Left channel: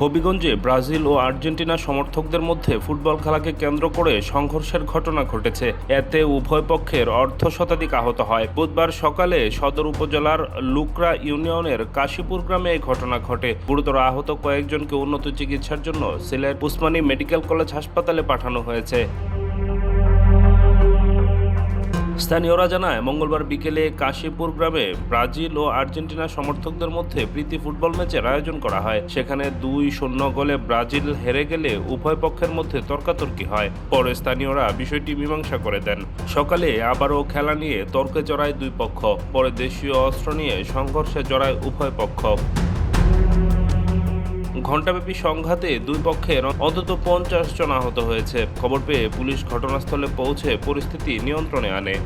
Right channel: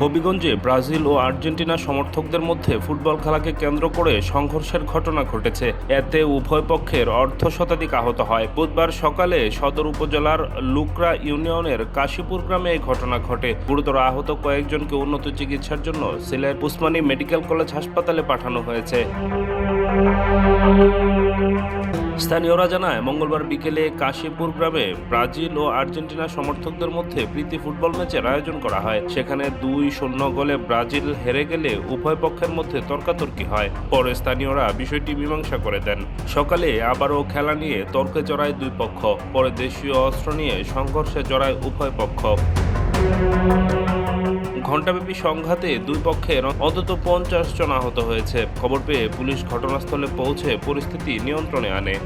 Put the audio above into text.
হবিগঞ্জে Brazil ও Argentina সমর্থকদের মধ্যে football খেলাকে কেন্দ্র করে সংঘর্ষের ঘটনা ঘটেছে। এতে উভয় পক্ষের অর্ধশতাধিক আহত হয়। বুধবার সকালে সদর উপজেলার লুকরা ইউনিয়নের কাশীপুর গ্রামে এই ঘটনা ঘটে। গুরুতর আহত কয়েকজনকে উন্নত চিকিৎসার জন্য সিলেট উসমানী মেডিকেল কলেজ হাসপাতালে পাঠানো হয়েছে। স্থানীয়রা জানায়, মঙ্গলবার বিকেলে কাশীপুর গ্রামে ব্রাজিল ও আর্জেন্টিনা সমর্থকদের মধ্যে প্রীতি ফুটবল ম্যাচের আয়োজন করা হয়। সেখানে 2-0 গোলে ব্রাজিল হেরে গেলে উভয় পক্ষের মধ্যে তর্কাতর্কি হয়। পরে স্থানীয়রা বিষয়টি মীমাংসা করে দেন। সকালে আবারও খেলা নিয়ে তর্কে জড়ায় দুই পক্ষ। পরে দেশীয় অস্ত্র নিয়ে সংঘর্ষে জড়ায় উভয় পক্ষ। ঘণ্টাব্যাপী সংঘাতে দুই পক্ষের অন্তত 50 জন আহত হয়েছে। খবর পেয়ে পুলিশ ঘটনাস্থলে পৌঁছে পরিস্থিতি নিয়ন্ত্রণে আনে।